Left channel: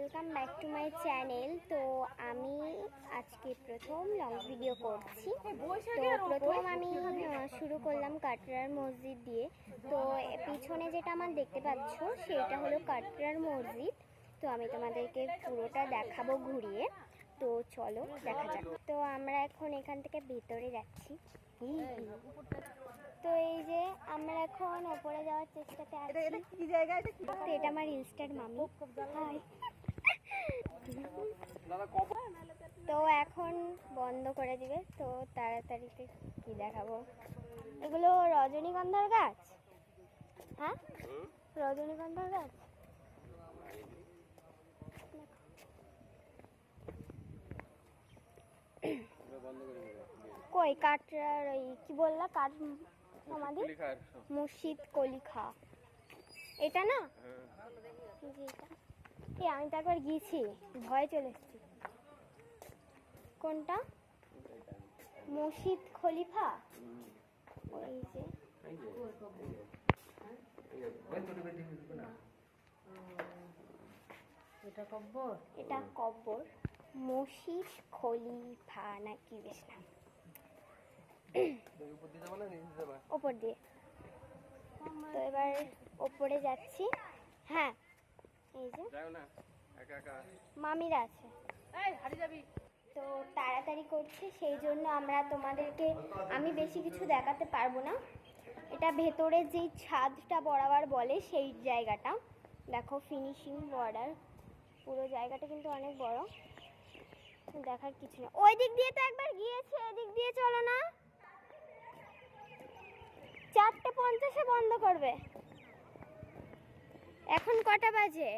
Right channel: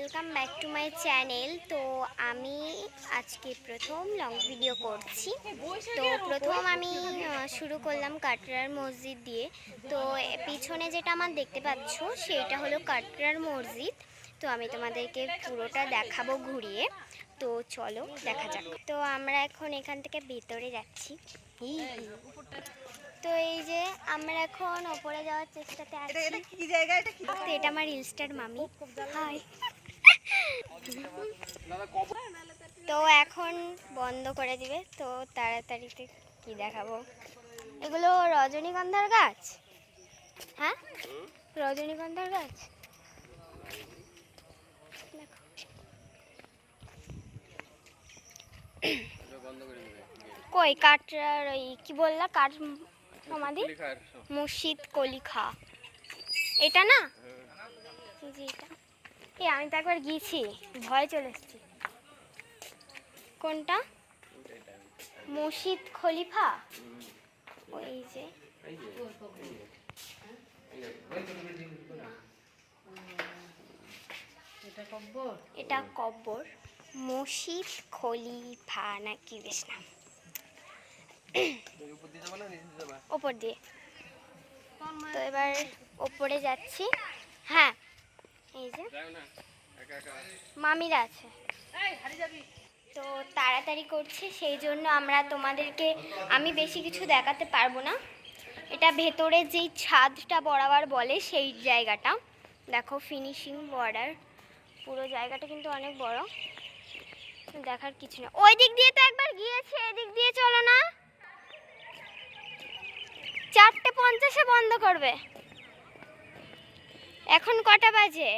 Welcome back to my channel. তো আমি আজকে প্রথম লং ভিডিও করছি। তো প্রথম আমি শুরু করলাম কাটরার মসজিদ দিয়ে। তো পিছনে যেটা আমার দেখতে পাচ্ছ সেইটা হলো কাটরার মসজিদ। তো আমি তোমাদেরকে পুরোটা দেখাবো ঘুরিয়ে। তো চলো দেখা যাক। তো আমরা এখন এখান থেকে ভেতরে যাচ্ছি। তো এই যে আমরা এখন ওপরে যাওয়ার চেষ্টাতে আছি। কি জায়গা এটা? কি তো এটা আমার রিলস্টার মামি। হাই। তো এখন বন্ধ করে দিবে, তো তাড়াতাড়িতে কি দেখাবো। এগুলো রজনীগন্ধার গাছ। হ্যাঁ, রজনীগন্ধার গাছ। কই কাটরার ওই কি বললা, কাঠ সমাধি মুর্শিদ কলিখা, এটা না? জি, এটা আমি তো একবার গিয়েছি, ভয় চলে এসেছি। কোনটা? মুর্শিদ খলিফা। ওই যে এটা কব্বর মুর্শিদ খলিফা না কি বেশ নাম। ওপর দিয়ে। তো এবার ওপরে যাচ্ছি। হ্যাঁ, এই যে মামিরা আছে। তো তাড়াতাড়ি করছে, সেই জন্য আমি বেশি কিছু দেখাতে পারবো না। এটা ভেতরে যেই ছাদটা বরাবর বলে সেই জায়গাটা দেখো, ফিনিশিং বর্ডার। পুরো জায়গাটা কিন্তু অনেক বড়, দেখার কিছু না। ওই দিক দিয়ে তো একবার গিয়েছে, এদিক দিয়ে চলো না। 4:50 বন্ধ করবে। এখন কটা বাজে?